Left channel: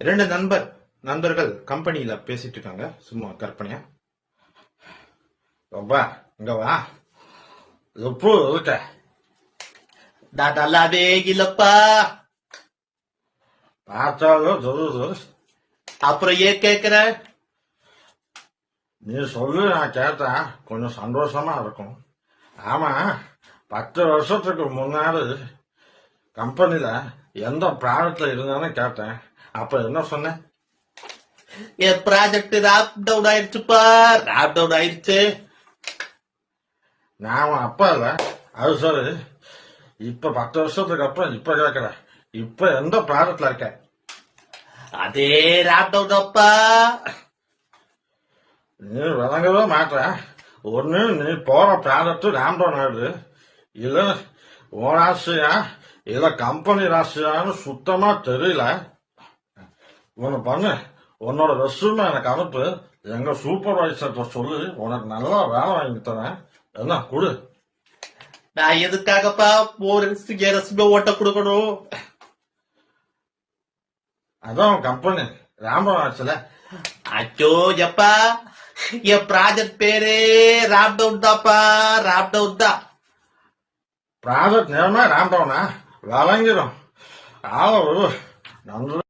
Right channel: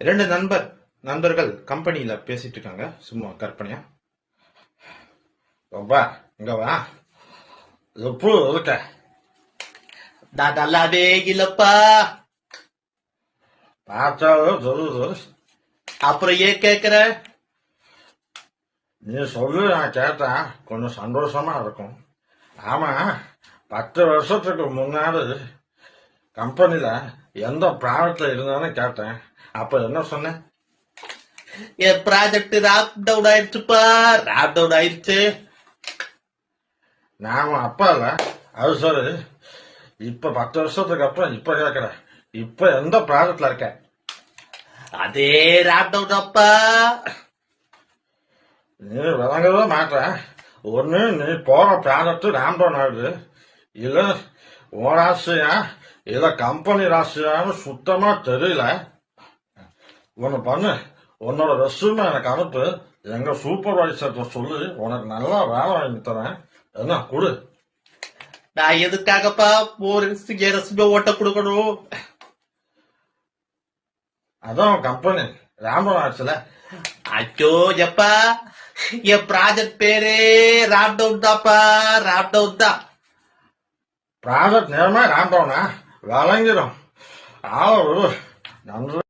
இரண்டு நண்பர்கள் கம்பெனியில பேசிட்டு இருக்காங்க. சும்மா கற்பனையா. ரொம்ப இங்க வா, எப்போ இருக்க? நான் நல்லாவே இல்லப்பா. பார்த்தாலும் சொல்லுது. அப்புறம் ஏன் கேக்குற? நீ சொல்லு, நான் கேட்டேன் கொஞ்சம் சந்தோஷமா இருக்கும். ஆமா, 10 வருஷத்துக்கு முன்னாடி கம்பெனில எந்த ப்ராடக்ட்ல இருந்தானு கேட்டேன். அப்ப என்ன சொன்ன? என் ப்ராஜெக்ட் ராப் டவுன் ஆயிடுச்சுப்பா. ராப் டவுன் ஆயிடுச்சு. நாம அப்பா இல்ல, அது சொல்லு. இப்ப 10 வருஷத்துக்கு அப்புறம் இப்ப கேக்குறேன், இப்ப எந்த ப்ராஜெக்ட்ல இருக்க? அதே ராப் டவுன் அப்பா. நீ விளங்கவே மாட்ட. ஒண்ணு நீ போற ப்ராடக்ட் ராப் டவுன் ஆகுது, இல்ல உன் ராசியா இல்ல கம்பெனி ராசியான்னு சுத்தமா தெரியல. ஒண்ணு பண்ணு, உன்னோட ரெஸ்யூமே எனக்கு அனுப்பு. எங்க சூப்பர்வைசர்கிட்ட சொல்லி உனக்கு நல்லா வேலை வாங்கி தரேன். என்ன கொடு. நான் எதுக்காகப்பா ஒரு ரெஸ்யூமே ஓட்ட கொடுக்கணும்? அதான் கம்பெனி ராம்பரம் ஆச்சுல. ஐயோ எப்பா, என் ப்ராஜெக்ட் பேரே ராப் டவுன் தான்ப்பா. ராப் டவுன் தான் ப்ராஜெக்ட் நேரமா ராம் டவுனா விளங்கிடும். ஆள நன்றி.